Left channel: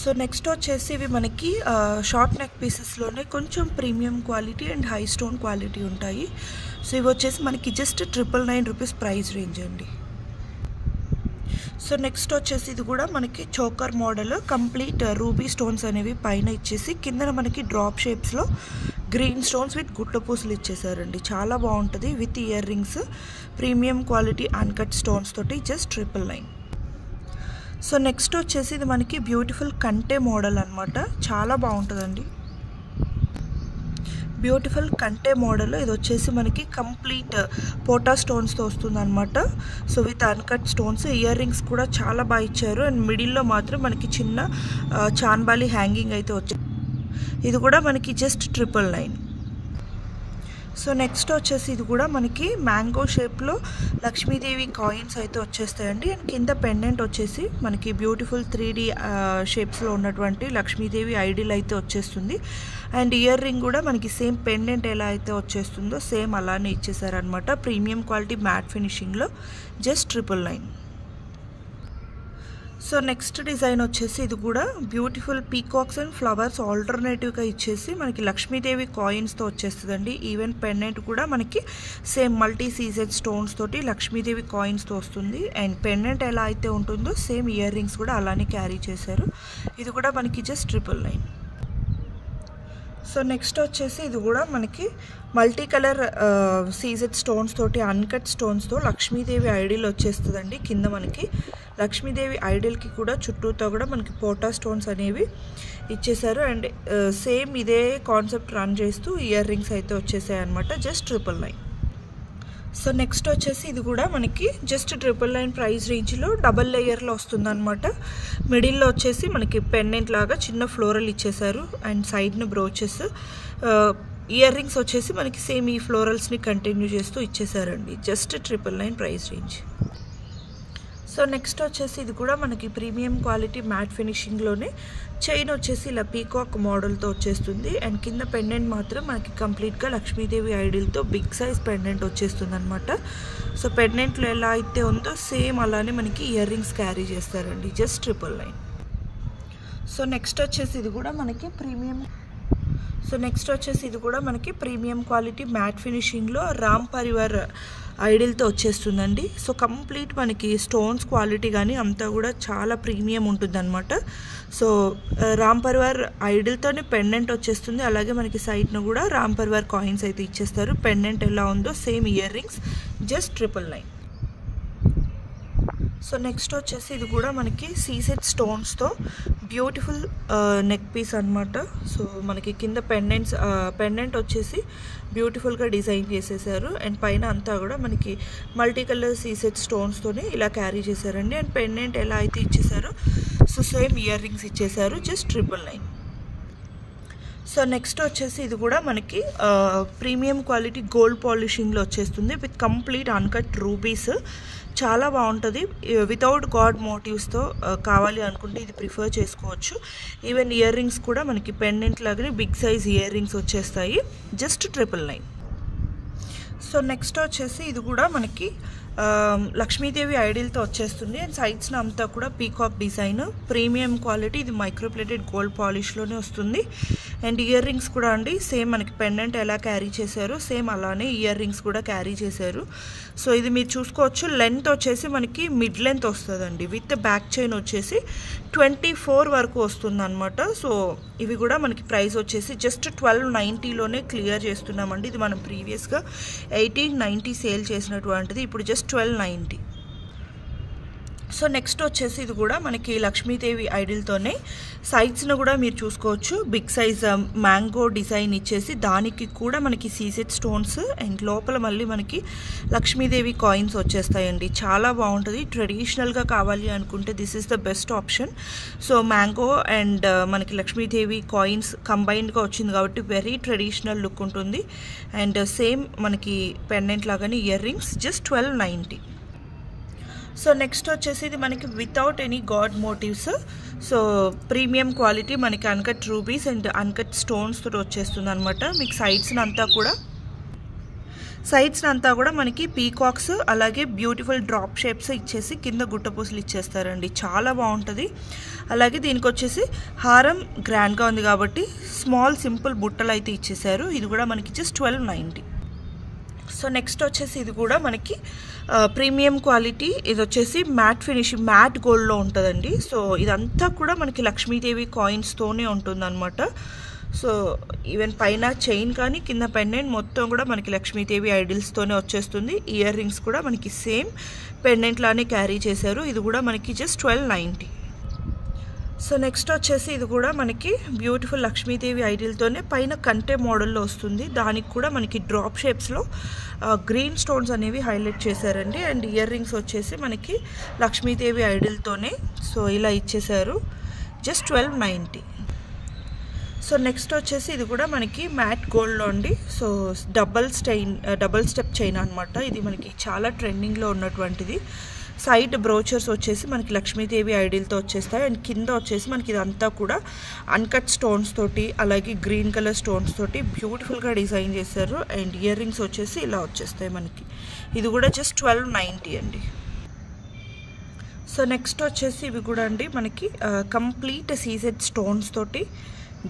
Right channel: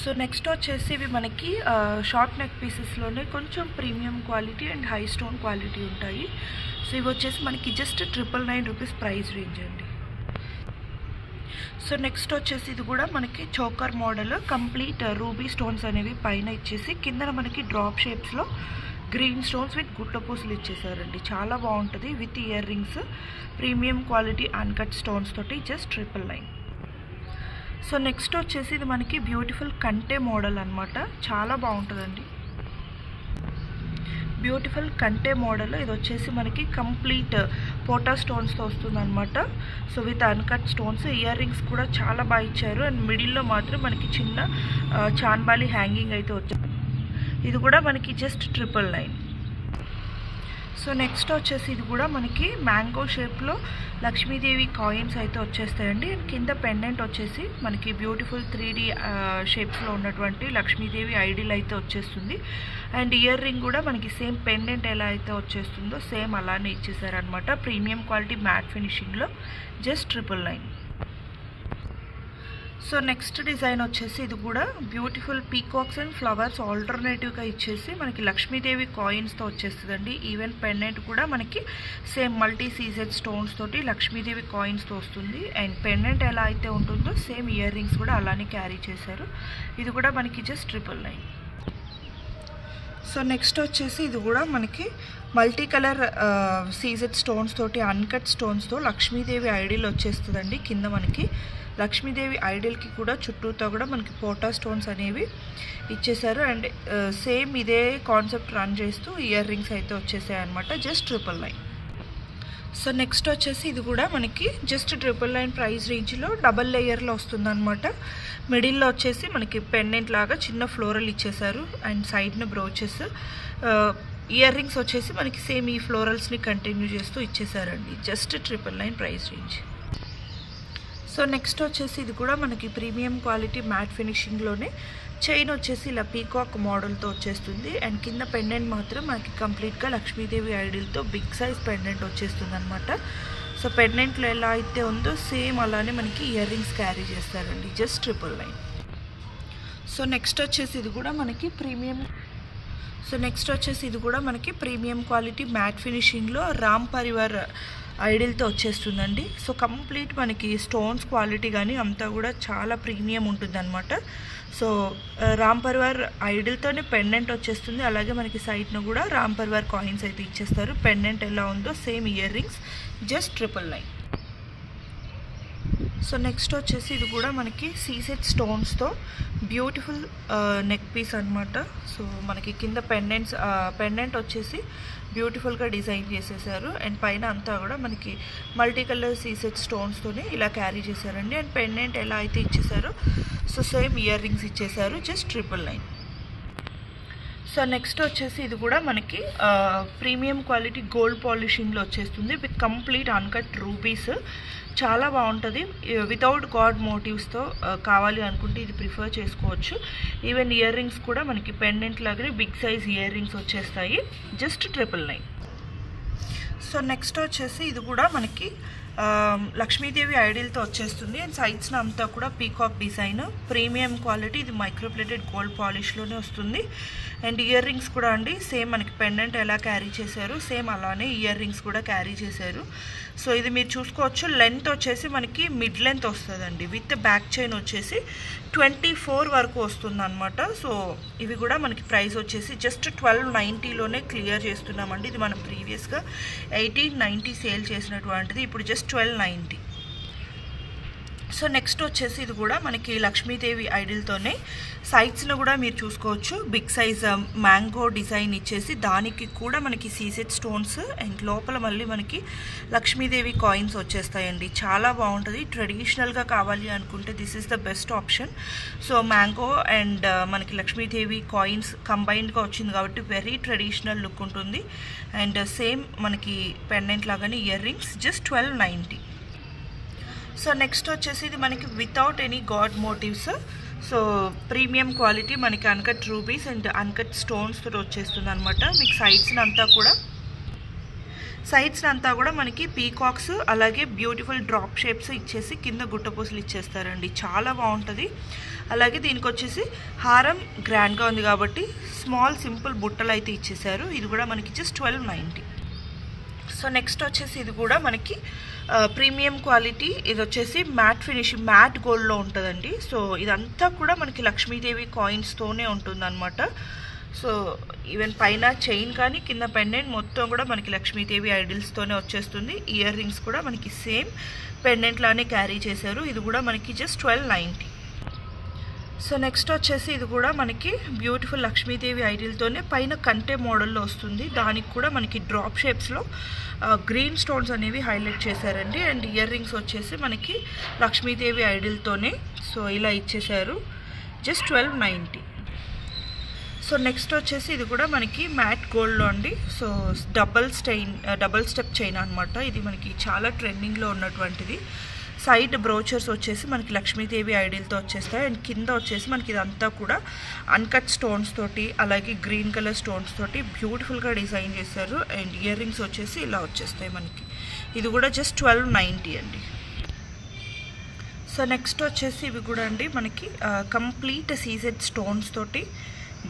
So next వచ్చేసి ఇవి మనకి షార్ట్ నెక్ పీసెస్లోనే కొంచెం premium quality and high stone quality ఉంటాయి. సో ఇవి వచ్చేసి మనకి జస్ట్ 999 రూపీస్ ప్రైస్ రేంజ్ అండి. సో నెక్స్ట్ వచ్చేసి ఇది కూడా మనకి choker model complete ruby stones అనేవి పైన ఇచ్చేసి కింద మనకి డ్రాప్ షేప్స్లో గ్రీన్ స్టోన్స్ విత్ గుట్ట పూసలు ఇచ్చేసారండి. చాలా బాగుంటుంది with ear rings, premium quality uncut stones తోటి జస్ట్ 999. సో నెక్స్ట్ వచ్చేసి ఇది మనకి బ్యూటిఫుల్ కంటే మోడల్ అనమాట. చాలా బాగుంటుందండి. బ్యూటిఫుల్ కంటే మోడల్ ఇది వచ్చేసి మనకి కంప్లీట్ పోటా స్టోన్స్తో వస్తుంది అనమాట. So with uncut stones, year rings కూడా చాలా బాగా ఇచ్చారు. అండ్ మిడిల్లో మాత్రం మనకి చిన్న చాన్బాలి హ్యాంగింగ్ అయితే వచ్చాయి. ఇది కూడా మనకి జస్ట్ 999. సో నెక్స్ట్ వచ్చేసి ఇది కూడా మనకి మ్యాంగో షేప్లో లక్ష్మీదేవి కాయిన్స్ అయితే వచ్చేస్తాయండి. అండ్ కింద పెండెంట్ వచ్చేసి మనకి బ్యూటిఫుల్ 3D షేప్స్లో ఉన్నటువంటి లక్ష్మీదేవి ఐడిల్ అయితే వచ్చేస్తుంది. అండ్ ఇయర్ రింగ్ కూడా మనకి సేమ్ పెండెంట్ ఎలా అయితే వచ్చేస్తుందో సేమ్ అలానే ఇచ్చేసారనమాట. ప్రీమియం క్వాలిటీ మ్యాట్ ఫినిషింగ్లో జస్ట్ 999. సో నెక్స్ట్ డిజైన్ వచ్చేసి ఇది కూడా బ్యూటిఫుల్ పీకాక్స్ అండ్ ఫ్లవర్స్ ఆల్టర్నేటివ్గా ఇచ్చేసి మనకి లక్ష్మీదేవి కాయిన్స్తో వచ్చేస్తుందండి. ఈవెన్ పెండెంట్ కూడా మనకి సేమ్ మల్టీ సీజెడ్ స్టోన్స్ తోటి లక్ష్మీదేవి కాయిన్స్తో వస్తుంది. అండ్ పెండెంట్ ఎలా అయితే ఉంటుందో సేమ్ ఇయర్ రింగ్స్ కూడా అలానే క్యారీ చేశారు. ఇది కూడా మనకి జస్ట్ 999. సో నెక్స్ట్ వచ్చేసి ఇది కూడా మనకి మల్టీ కలర్ సీజెడ్ స్టోన్స్ తోటి అన్కట్ స్టోన్స్తో లక్ష్మీదేవి ఐడిల్ వచ్చేస్తుందండి. కింద మనకి లక్ష్మీదేవి ఐడిల్కి కూడా చుట్టూతో కూడా మనకి పోటా స్టోన్స్ అనేవి ఇచ్చేసారు. అండ్ సేమ్ ఇదే కాన్సెప్ట్ రన్ చేస్తూ ఇయర్ రింగ్స్ అయితే వచ్చేసాయి అనమాట. జస్ట్ 999. సో నెక్స్ట్ వచ్చేసి ఇది కూడా మనకి జస్ట్ 999 ప్రైస్ రేంజ్లో డబల్ లేయర్లో వస్తుంది అనమాట. మిడిల్లో వచ్చేసి మనకి పెండెంట్ లాగా చిన్న ఫ్లోరల్ ఇచ్చేసారు. అండ్ సైడ్న బ్రోచెస్, ఇయర్ రింగ్స్ వచ్చేసి మనకి సేమ్ ఈ ఫ్లోరల్స్ని కంటిన్యూ చేస్తూ ఇచ్చేసారండి. Just 999 price range. So next వచ్చేసి ఇది కూడా మనకి ప్రీమియం క్వాలిటీ మ్యాట్ ఫినిషింగ్లోనే చైన్ వచ్చేసి ఇలా పీకాక్ మోడల్తో వచ్చేస్తుంది. అండ్ కింద పెండెంట్ మాత్రం మనకి కంప్లీట్గా లక్ష్మీదేవి ఐడిల్తో బిగ్ సైజ్ పెండెంట్ వచ్చేస్తుంది అనమాట. సో పెండెంట్లో ఎలా అయితే ఉందో సేమ్ అలానే మనకి ఇయర్ రింగ్స్ క్యారీ చేస్తారండి. జస్ట్ 999. సో నెక్స్ట్ వచ్చేసి ఇది కూడా మనకి ప్రీమియం క్వాలిటీ మ్యాట్ ఫినిషింగ్లో రామ్ పరివార్ ఐడిల్తో వచ్చేస్తుందండి. సో కంప్లీట్ మనకి స్టోన్స్ క్వాలిటీ కానీ అంతా కూడా చాలా ప్రీమియం ఉంటుంది అనమాట. సో రామ్ పరివార్ ఐడిల్తోనే పెండెంట్ వచ్చేస్తుంది. అలాగే మనకి సైడ్ను కూడా రామ్ పరివార్ కాయిన్స్ అయితే ఇచ్చేస్తారు. పెండెంట్ ఎలా ఉందో same year rings just 999. So next వచ్చేసి ఇది కూడా మనకి సీసెడ్ స్టోన్స్తో బ్యూటిఫుల్ నెక్ పీస్ అనమాట. సో మనకి కింద పెండెంట్ వచ్చేసి బ్యూటిఫుల్గా డిజైన్ చేసేసారు. అండ్ పైన అంతా కూడా మనకి మల్టీ కలర్ సీసెడ్ స్టోన్స్తోనే ఇలా క్యారీ చేశారండి. అండ్ పెండెంట్ ఎలా అయితే ఇచ్చేసారో సో సేమ్ ఇయర్ రింగ్స్ ఇచ్చేసారు. జస్ట్ 999. సో నెక్స్ట్ వచ్చేసి ఇది కూడా మనకి ప్రీమియం క్వాలిటీ గోల్డ్ పాలిషింగ్లో వచ్చేస్తుంది విత్ కంప్లీట్ అన్కట్ రూబీస్. చాలా బాగుంటుంది. వితౌట్ గాడ్ మోటివ్స్తో కావాలి అనుకుంటే ఇది ప్రిఫర్ చేసుకోవచ్చు. ఈవెన్ ఇయర్ రింగ్స్ కూడా మనకి పెండెంట్ లాగానే బిగ్ సైజ్ ఇయర్ రింగ్స్ వచ్చేస్తాయి. జస్ట్ 999. సో నెక్స్ట్ వచ్చేసి ఇది కూడా మనకి లక్ష్మీదేవి ఐడిల్తో వచ్చేస్తుంది. అండ్ సైడ్స్న అంతా కూడా పీకాక్ డిజైన్, ప్రీమియం క్వాలిటీ, ఇది మైక్రోప్లేటెడ్ గోల్డ్ పాలిష్లోనే వస్తుంది. అండ్ ఇయర్ రింగ్స్ కూడా అండి సేమ్ మనకి పెండెంట్ ఎలా క్యారీ చేశారు సేమ్ అలానే ఇయర్ రింగ్స్ కూడా క్యారీ చేశారు. సో ఇది మీరు చూసుకోవచ్చు. లెంత్ వచ్చేసి మనకి మిడ్ లెంత్ వస్తుందండి. విత్ బ్యాక్ చైన్ వచ్చేసి 24 వరకు వస్తుంది అనమాట. సో ఇవి కూడా మనకి ప్రైస్ వచ్చేసి జస్ట్ 1290లోనే క్లియర్ చేస్తున్నామండి. ఇది మనం ప్రీవియస్గా 1890 సేల్ చేసినటువంటిది, ఇప్పుడు జస్ట్ 1290. సో నెక్స్ట్ వచ్చేసి ఇది కూడా మనకి లక్ష్మీదేవి ఐడిల్తోనే సైడ్స్ను కూడా మీరు చూసుకోవచ్చు. బిగ్ సైజ్ మ్యాంగో డిజైన్ ఇచ్చేసి దానికి కూడా మనకి సీసెడ్ స్టోన్స్ అండ్ లోపల మళ్ళీ మనకి లక్ష్మీదేవి కాయిన్స్ వచ్చేస్తాయండి. చాలా బాగుంటుంది. ట్రెడిషనల్గా కావాలి అనుకుంటే this is the best option. So mango and మనకి లక్ష్మీదేవి కాయిన్స్ కంబైన్డ్గా వచ్చింది కాబట్టి వెరీ ట్రెడిషనల్ లుక్ ఉంటుంది. అండ్ సేమ్ మనకి పెండెంట్ లాగానే ear rings just 1290. So next వచ్చేసి ఇది మనకి without any god motives. So premium quality మనకి uncut rubies and uncut stones తోటి వచ్చేస్తుంది అనమాట. మీకు సైడ్స్ని అంతా కూడా మనకి పీకాక్స్ అలాగే బ్యూటిఫుల్ డ్రాప్ షేప్స్ ఇచ్చేసి కింద గుట్టపూసలు ఇచ్చేస్తారండి. చాలా బాగుంటుంది. అలాగే దీనికి వచ్చేసి హారం గ్రాండ్గా ఉంది కాబట్టి స్మాల్ సింపుల్ బుట్టలు అయితే ఇచ్చేసారు. ఇది కూడా మనకి జస్ట్ 1290. సో నెక్స్ట్ వచ్చేసి ఇది కూడా మనకి ప్రీమియం క్వాలిటీ. ఇది వచ్చేసి మ్యాట్ ఫినిషింగ్, మ్యాట్ గోల్డ్లో ఉంటుందండి. సో ఇదంతా కూడా మనకి లక్ష్మీదేవి కాయిన్స్తోనే ఉంటుందన్నమాట. సో ఈవెన్ పైన చైన్ కానీ కింద పెండెంట్ మొత్తం కూడా మనకి లక్ష్మీదేవి ఐడిల్స్తోనే వచ్చేస్తుంది. ఇయర్ రింగ్స్ కూడా మనకి సేమ్ పెండెంట్ లానే క్యారీ చేశారు. ఇది కూడా మనకి జస్ట్ 1290. సో నెక్స్ట్ వచ్చేసి ఇది కూడా మనకి బ్యూటిఫుల్ లక్ష్మీదేవి ఐడిల్తోనే పైన కంటే మోడల్లో వస్తుంది. దానికి కూడా మనకి డ్రాప్ షేప్స్లో గ్రీన్ స్టోన్స్ అనేవి హైలైట్ చేశారండి. అండ్ ఇయర్ రింగ్స్ వచ్చేసి మనకి లక్ష్మీదేవి ఐడిల్తోనే సో ఇలా ఇచ్చేశారు. జస్ట్ 1290. సో నెక్స్ట్ వచ్చేసి ఇది కూడా మనకి మ్యాట్ గోల్డ్లో అండి. సో డబల్ స్టెప్ చైన్ అనమాట. ఇది మనకి చాలా ట్రెండింగ్లో ఉన్నటువంటిది. సైడ్ బ్రోచర్స్ వచ్చేసి మనకి లక్ష్మీదేవి ఐడిల్తో వచ్చేస్తాయి. అండ్ కింద వచ్చేసి మనకి ఇదంతా కూడా అన్కట్ స్టోన్స్ తోటి అలాగే గ్రీన్ కలర్ స్టోన్స్ తోటి బ్యూటిఫుల్గా డిజైన్ చేశారు. అండ్ ఇయర్ రింగ్స్ వచ్చేసి ఇలా వచ్చేస్తాయి మనకి. ఇది కూడా జస్ట్ 1290 అండి. సో నెక్స్ట్ వచ్చేసి ఇవి కూడా అండి మనకి కంప్లీట్ సీజెడ్ స్టోన్స్ తోటి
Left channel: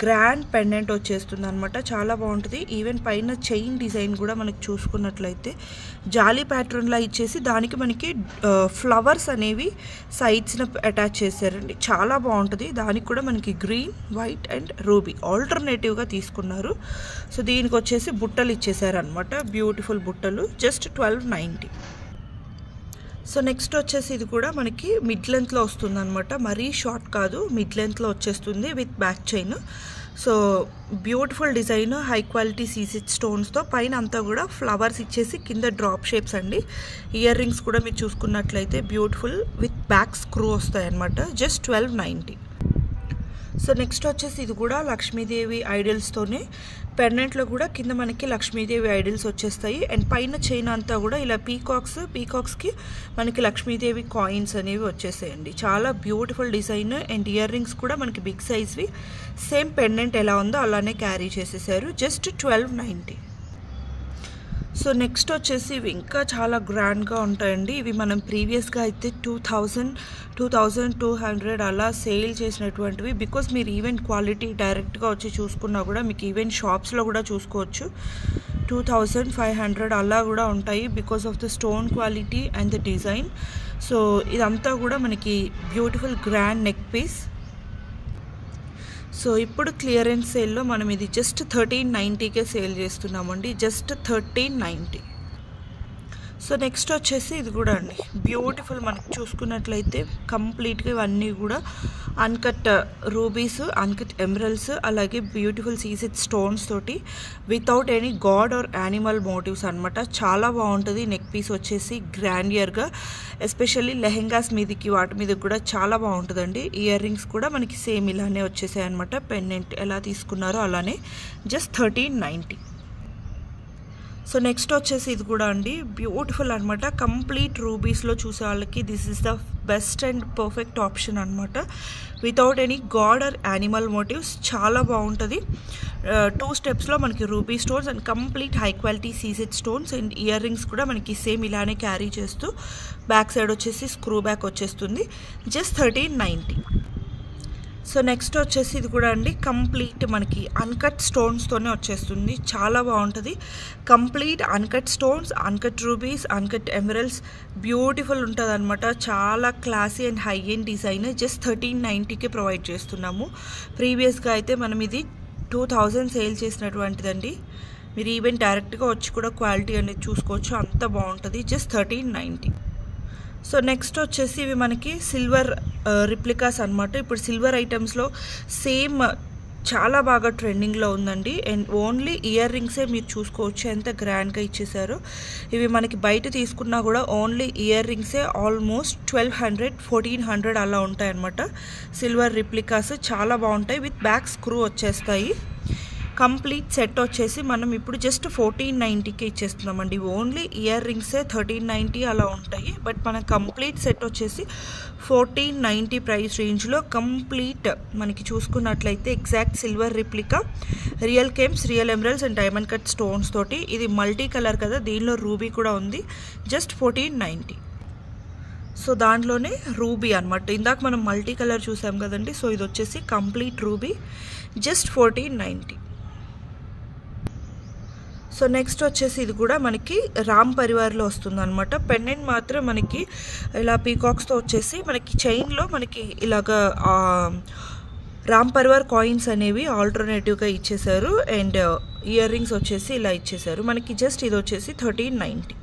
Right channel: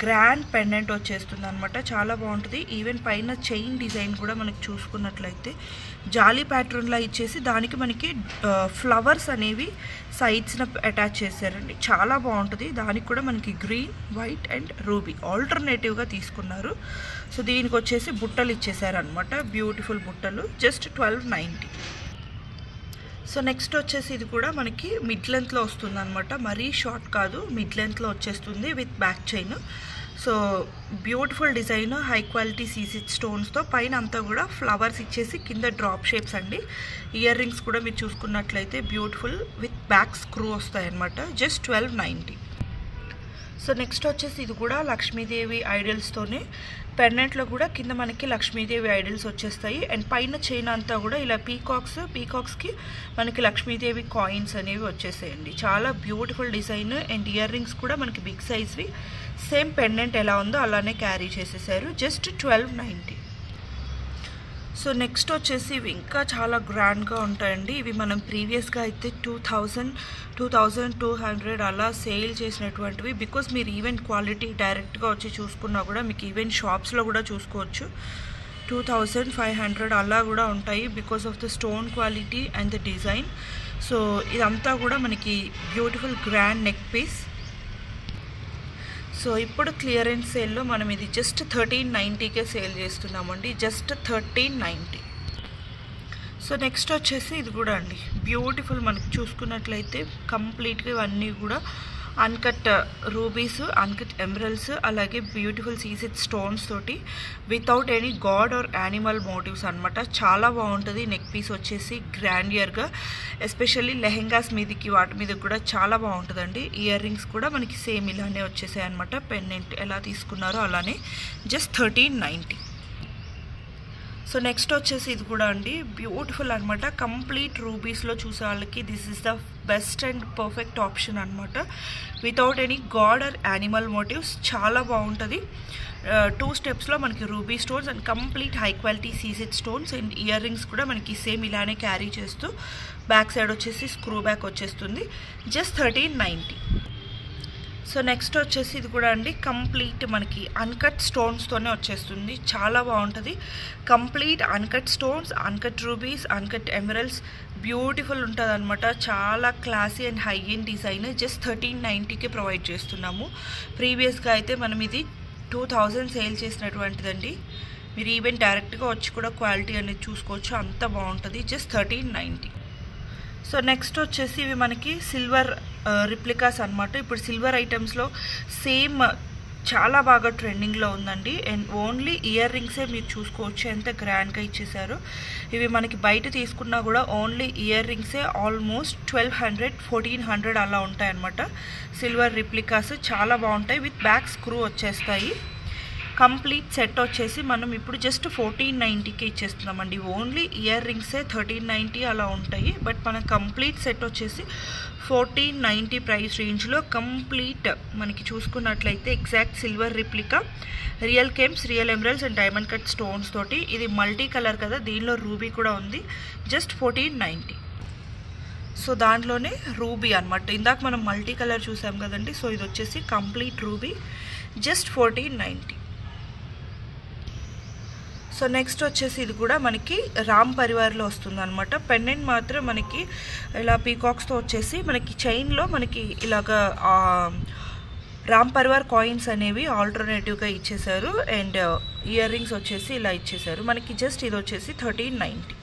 గ్రాండ్ పెండెంట్ వచ్చేస్తుంది అనమాట. చాలా బాగుంటుంది. ఈవెన్ పైన చైన్ డిజైన్ కూడా మనకి చూసుకున్నట్లయితే జాలీ ప్యాటర్న్లా ఇచ్చేసి దానికి మనకి ఫ్లవర్స్ అనేవి సైడ్స్న అటాచ్ చేశారండి. చాలా బాగుంటుంది. దానికి కూడా మనకి గ్రీన్, వైట్ అండ్ రూబీ ఆల్టర్నేటివ్గా తీసుకున్నారు. సో దీనికి వచ్చేసి బుట్టలు ఇచ్చేసారనమాట. బ్యూటిఫుల్ బుట్టలు. జస్ట్ 1290. సో నెక్స్ట్ వచ్చేసి ఇది కూడా మనకి మిడ్ లెంత్లో వస్తుంది అనమాట. మరీ షార్ట్ కాదు, మిడ్ లెంత్లో వచ్చేస్తుంది with back chain. So beautiful design, high quality సీసెడ్ స్టోన్స్తో పైన అంతా కూడా ఫ్లవర్స్ ఇచ్చేసి కింద డ్రాప్ షేప్స్ అండి. ఇయర్ రింగ్స్ కూడా మీరు చూసుకున్నట్లయితే బ్యూటిఫుల్ విత్ బ్యాక్ స్క్రూ వస్తాయి అనమాట. జస్ట్ 1290. సో నెక్స్ట్ వచ్చేసి ఇది కూడా లక్ష్మీదేవి ఐడిల్స్తోనే పెండెంట్లో కూడా కింద మనకి లక్ష్మీదేవి ఐడిల్స్ వచ్చేస్తాయి. అండ్ పైన చైన్ అంతా కూడా ఇలా పీకాక్స్కి మనకి లక్ష్మీదేవి కాయిన్స్ అనేవి వచ్చేసాయండి. చాలా beautiful design. And ear rings కూడా మనకి బిగ్ సైజ్వి సేమ్ పెండెంట్ ఎలా ఉందో అలానే క్యారీ చేసేసారు. జస్ట్ 1290. సో నెక్స్ట్ వచ్చేసి ఇవి ఇంకా చాలా గ్రాండ్గా ఉంటాయండి. ఇవి మనం ప్రీవియస్గా అయితే 2200 అలా సేల్ చేసినటువంటివి. బికాస్ మీరు ఈవెన్ క్వాలిటీ డైరెక్ట్గా వచ్చి చూసుకున్నా కూడా మీకు ఈవెన్ షాప్స్లో కూడా చూసుకోవచ్చు 2500 అలా కూడా ఉంటాయి because of the stone quality and the design. So ఇదంతా కూడా మనకి beautiful grand neck piece. So ఇప్పుడు క్లియరెన్స్ సేల్లో మనం ఇది జస్ట్ 1390కే సేల్ చేస్తున్నామండి. జస్ట్ 1390. సో నెక్స్ట్ వచ్చేసి ఇది కూడా అండి బ్యూటిఫుల్. మనకి చూసుకున్నట్లయితే కంప్లీట్గా ఇవన్నీ కూడా అన్కట్ రూబీస్, అన్కట్ ఎమరల్డ్స్ అలాగే బ్యూటిఫుల్ సీసెడ్ స్టోన్స్ తోటి without any god or animal motifs అనమాట. చాలా బాగుంటుంది. నెక్ పీస్ వచ్చేసి గ్రాండియర్గా, ఎస్పెషల్లీ లెహెంగాస్ మీదకి వాటి మీద కూడా చాలా బాగుంటుందండి. ఇయర్ రింగ్స్ కూడా మనకి సేమ్ ఇలానే వచ్చేసాయి అనమాట. పెండెంట్ ఎలా తీసుకున్నారో అలానే. జస్ట్ 1390. సో నెక్స్ట్ వచ్చేసి ఇది కూడా అండి బ్యూటిఫుల్ అనమాట. కంప్లీట్ రూబీస్లో చూసే వాళ్ళకి this is the best and perfect option అనమాట. Without any god or animal motives చాలా బాగుంటుంది. 2 స్టెప్స్లో మనకి ruby stones and complete high quality సీసెడ్ స్టోన్స్ అండ్ ఇయర్ రింగ్స్ కూడా మనకి సేమ్ ఇలానే క్యారీ చేస్తూ బ్యాక్ సైడ్ వచ్చేసి స్క్రూ బ్యాక్ వచ్చేస్తుంది. జస్ట్ 1390. సో నెక్స్ట్ వచ్చేసి ఇది కూడా అండి కంప్లీట్ మనకి అన్కట్ స్టోన్స్తోనే వచ్చేస్తుంది. చాలా బాగుంటుంది. Complete uncut stones, uncut rubies, uncut emeralds beautiful ఉంటుంది అనమాట. చాలా classy and high end design. Just 1390కి ప్రొవైడ్ చేస్తున్నాము. ప్రీవియస్గా అయితే మనం ఇది 2000 సేల్ చేసినటువంటిదండి. మీరు ఈవెన్ డైరెక్ట్గా వచ్చి కూడా క్వాలిటీ అనేది చూసుకోవచ్చు. అంత బాగుంటుంది. జస్ట్ 1390. సో నెక్స్ట్ వచ్చేసి ఇవి మనకి సిల్వర్ రిప్లికాస్ అనమాట. ఇప్పుడు సిల్వర్ ఐటమ్స్లో సేమ్ చాలా బాగా ట్రెండింగ్లో ఉందండి. అండ్ ఓన్లీ ఇయర్ రింగ్సే మీరు చూసుకోవచ్చు ఎంత గ్రాండ్గా ఇచ్చేసారు. ఇవి మనకి బయట తీసుకున్నా కూడా ఓన్లీ ఇయర్ రింగ్సే ఆల్మోస్ట్ 1200, 1400 అలా ఉంటాయన్నమాట. సిల్వర్ రిప్లికాస్ చాలా బాగుంటాయి. విత్ బ్యాక్ స్క్రూ వచ్చేస్తాయి. కంప్లీట్ సెట్ వచ్చేసి మనం ఇప్పుడు జస్ట్ 1490కి ఇచ్చేస్తున్నామండి. ఓన్లీ ఇయర్ రింగ్సే 1390 అలా ఉంటాయి. బట్ మన కంప్లీట్ సెట్ వచ్చేసి 1490 ప్రైస్ రేంజ్లో కంప్లీట్ మనకి చూసుకున్నట్లయితే exact silver replica, real gems, real emeralds and diamond cut stones తోటి. ఇది మల్టీ కలర్ కదా, దీనిలో రూబీ కూడా ఉంది. జస్ట్ 1490. సో దాంట్లోనే రూబీ అనమాట. ఇందాక మనం మల్టీ కలర్ చూసాం కదండి. సో ఇది వచ్చేసి complete ruby, just 1490. So next వచ్చేసి ఇది కూడా మనకి రామ్ పరివార్లో వస్తుంది అనమాట. పెండెంట్ మాత్రం మనకి ఇలా పీకాక్స్తో వచ్చేసి మనకి చైన్లో మనకి ఇలాగా రామ్ పరివార్ కాయిన్స్ అనేవి ఆల్టర్నేటివ్గా ఇచ్చేసారు. అండ్ ఇయర్ రింగ్స్ వచ్చేసి ఇలా ఇచ్చేసారు మనకి. జస్ట్ ఇది వచ్చేసి 1390.